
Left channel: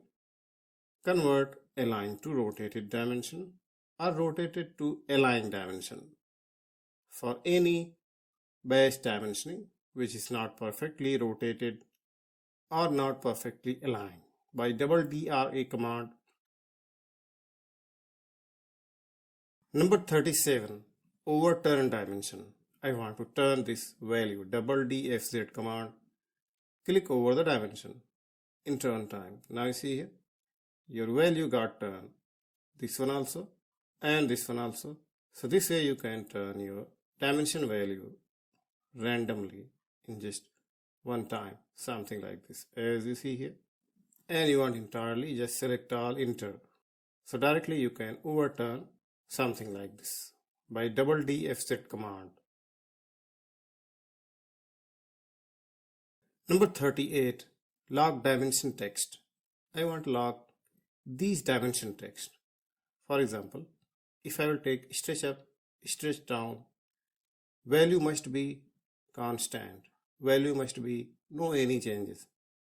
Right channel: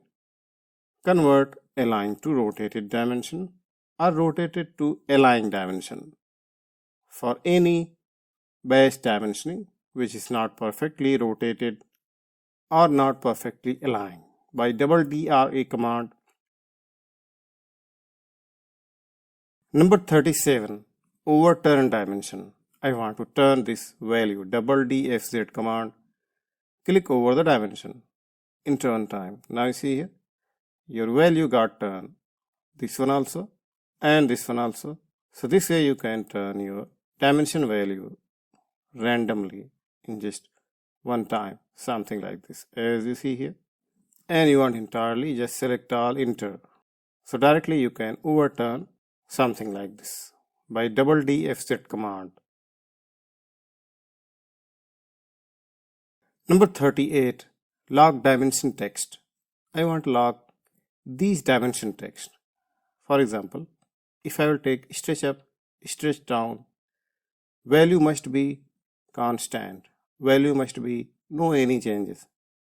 convert align to rotated dimension or rotated to align dimension for any base dimensioning which is not perfectly rotated or not perfectly aligned by double DRA command. Number 37, overturn dimension. I want to turn this value, double DFZ command, click over the dimension, enter on time. Now you see here, your value got turned. This one also and this one also. So this way you can turn your dimension value randomly in just one time, something like this, as you see here. And you want entirely, just select all, enter. So directly you can overturn something like this by double D FZ command. Number 38, log dimension text. I want to log these dimension text. For example, if I will take stretch up, stretch down, value must be constant. Value must be no any changes.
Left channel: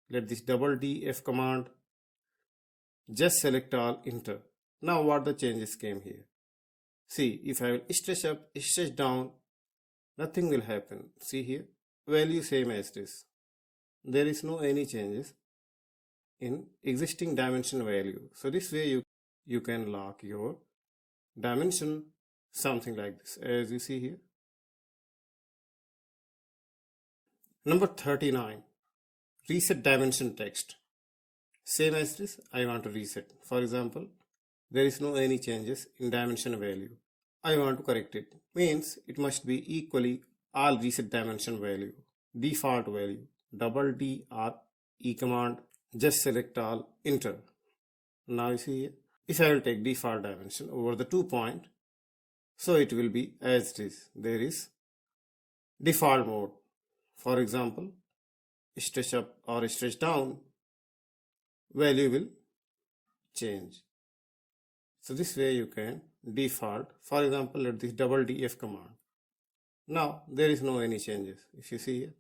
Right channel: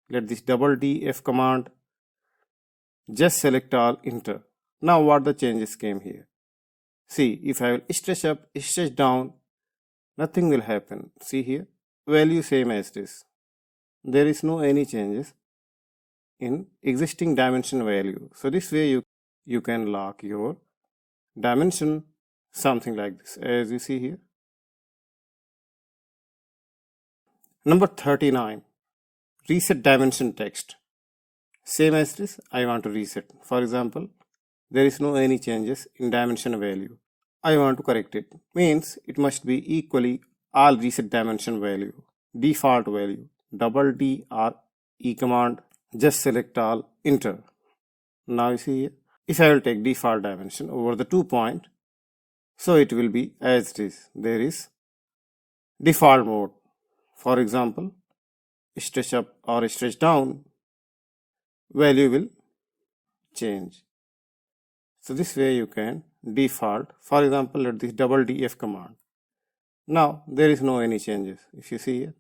Let this double D F command, just select all, enter. Now what the changes came here? See, if I will stretch up, stretch down, nothing will happen. See here, value same as this. There is no any changes in existing dimension value. So this way you can lock your dimension something like this, as you see here. Number 39, reset dimension text. Same as this, I want to reset. For example, there is no any changes in dimension value. I want to correct it. Means it must be equally all reset dimension value, default value, double D or E command, just select all, enter. Now you see here, if I will take default dimension over the 2 point, so it will be as it is. There is default mode. For example, stretch up or stretch down, value will change. So this way you can default. For example, let this double DF command. Now there is no any changes. If you see here,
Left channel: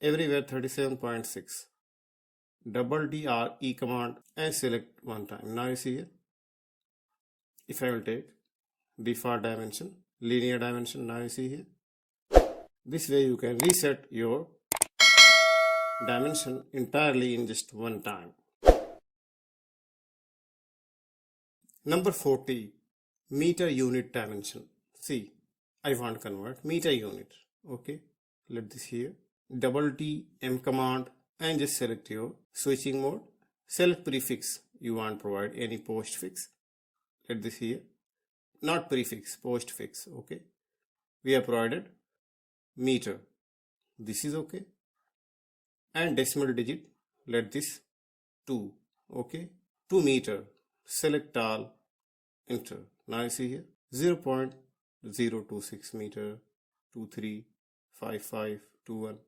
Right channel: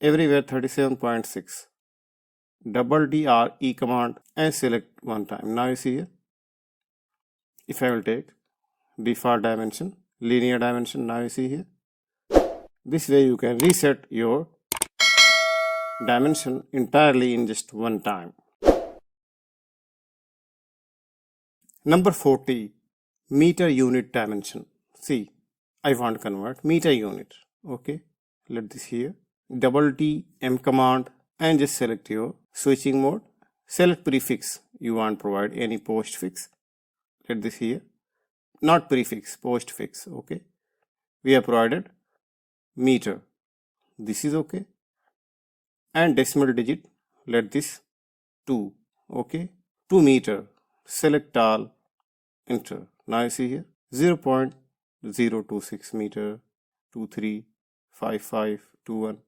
everywhere 37.6. Double DR E command and select one time. Now you see here, if I will take default dimension, linear dimension, now you see here, this way you can reset your dimension entirely in just one time. Number 40, meter unit dimension. See, I want to convert meter unit. Okay, let this here, double T M command and just select your switching mode. Select prefix, you want to provide any postfix. Let this here, not prefix, postfix. Okay, we have provided meter. This is okay. And decimal digit, let this 2. Okay, 2 meter. Select all, enter. Now you see here 0.026 meter, 235521.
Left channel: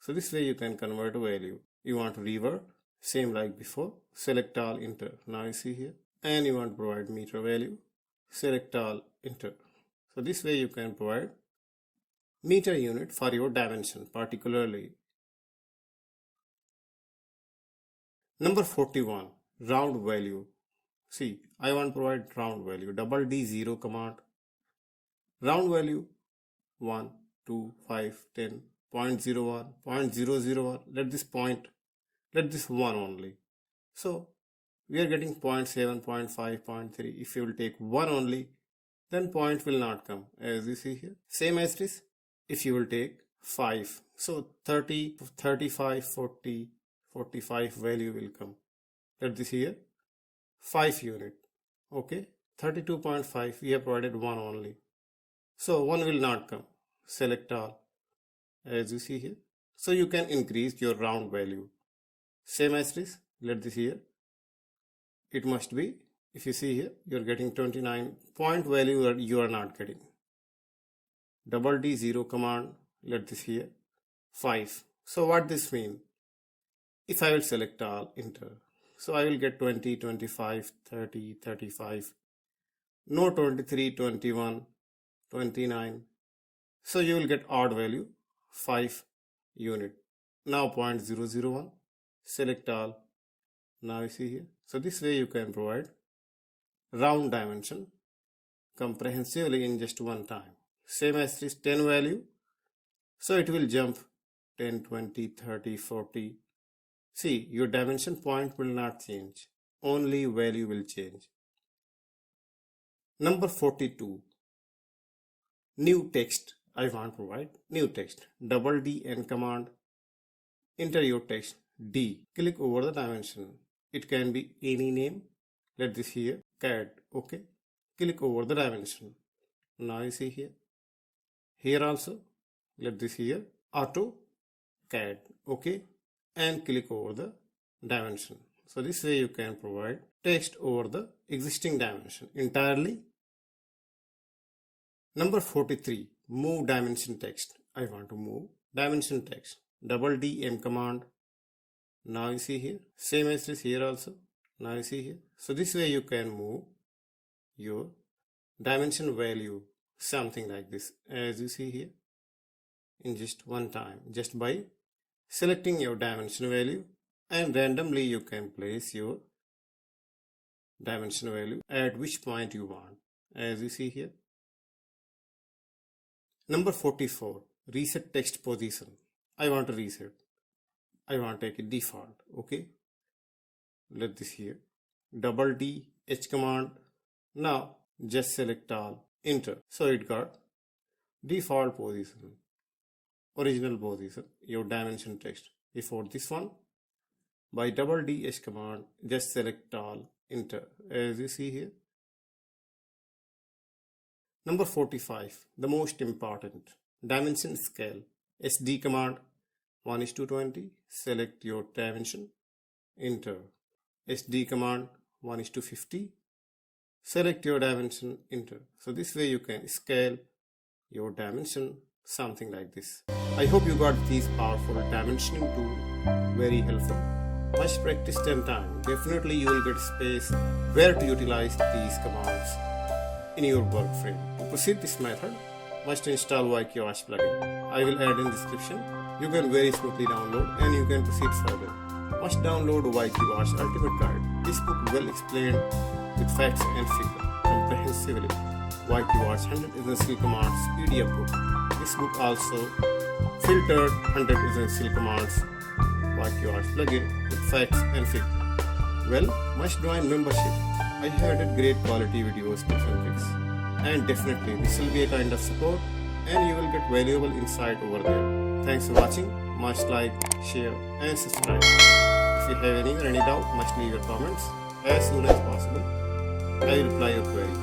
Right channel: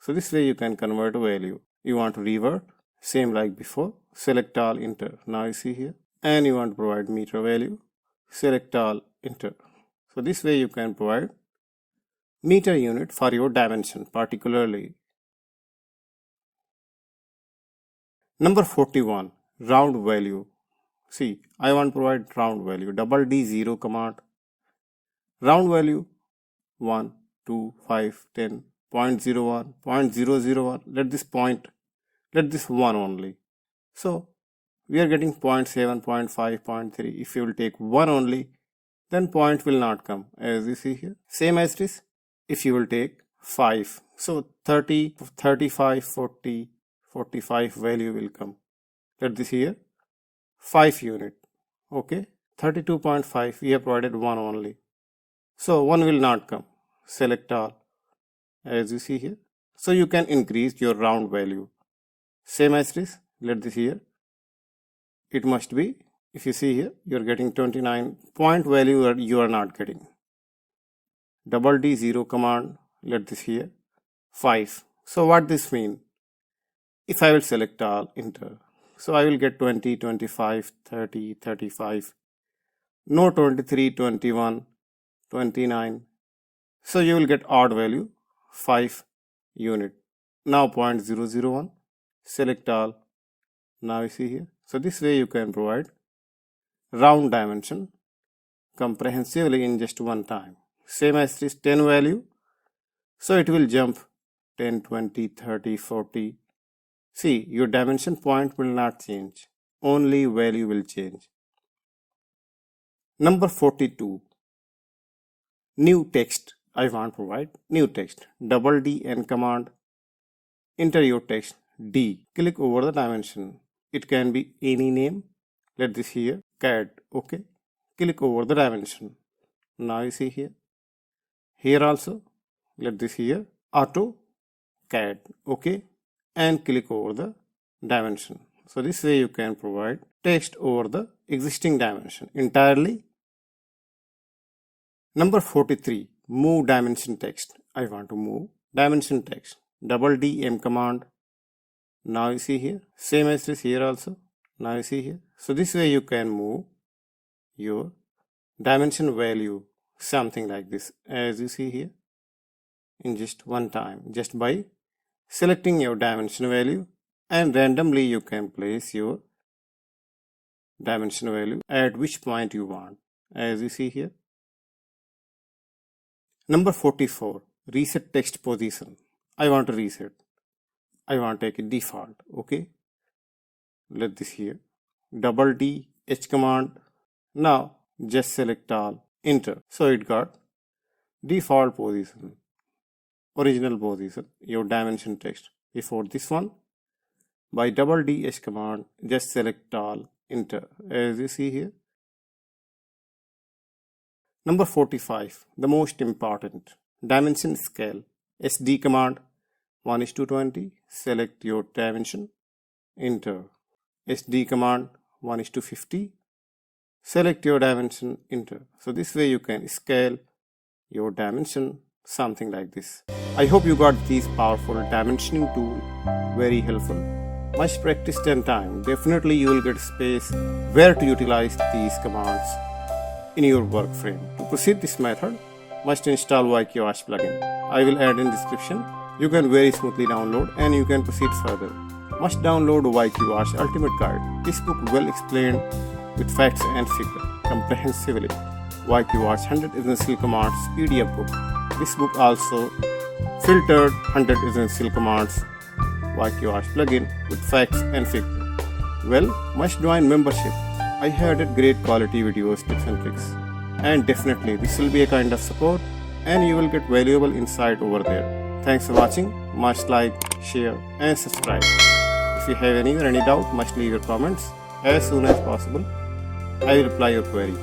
So this way you can convert a value. You want to revert, same like before, select all, enter. Now you see here, and you want to provide meter value, select all, enter. So this way you can provide meter unit for your dimension particularly. Number 41, round value. See, I want to provide round value, double D 0 command, round value 1, 2, 5, 10, 0.01, 0.001, let this 1 only. So we are getting 0.7, 0.5, 0.3. If you will take 1 only, then point will not come, as you see here. Same as this, if you will take 5, so 30, 35, 40, 45 value will come. Let this here 5 unit. Okay, 32.5, we have provided 1 only, so 1 will not come. Select all, as you see here. So you can increase your round value. Same as this, let this here, it must be, if you see here, you are getting 29 point value, or you are not getting. Double D 0 command, let this here 5. So what this mean? If I will select all, enter, so I will get 20, 25, 30, 35, no 23, 21, 29. So you will get odd value 5 unit. Now 0.001, select all. Now you see here. So this way you can provide round dimension comprehensively in just one time. Same as this 10 value. So it will jump 10, 20, 30, 40. See, your dimension point will not change. Only value will change. Number 42. New text. I want to provide new text. Double D N command. Enter your text D. Click over the dimension. It can be any name. Let this here CAD. Okay. Click over the dimension. Now you see here. Here also, let this here AutoCAD. Okay. And click over the dimension. So this way you can provide text over the existing dimension entirely. Number 43, move dimension text. I want to move dimension text. Double D M command. Now you see here, same as this here also. Now you see here. So this way you can move your dimension value, something like this, as you see here, in just one time, just by selecting your dimension value, and randomly you can place your dimension value at which point you want, as you see here. Number 44, reset text position. I want to reset. I want to take a default. Okay. Let this here. Double D H command. Now just select all. Enter. So it got default position, original position, your dimension text. Before this one, by double D H command, just select all. Enter. As you see here. Number 45, the most important, dimension scale. SD command 1:20, select your dimension, enter. SD command 1:50, select your dimension, enter. So this way you can scale your dimension, something like this. I hope you got these powerful dimensioning tool very helpful. Much practice and time, definitely you will get space where to utilize these commands in your work frame. To proceed this method, must install YQArch Plugin. I will add in description. You can very smoothly download and you can proceed further. Must download YQArch Ultimate Guide. This book well explained with facts and figures comprehensively. YQArch 100 Essential Commands PDF book. This book also filtered 100 Essential Commands YQArch Plugin with facts and figures. Well, must join membership. I have added great quality videos, tips and tricks, and definitely this will be a kind of support and you will get valuable insight over there. Thanks for watching. Must like, share and subscribe. If you have any doubt, must leave your comments as soon as possible. I will reply your query.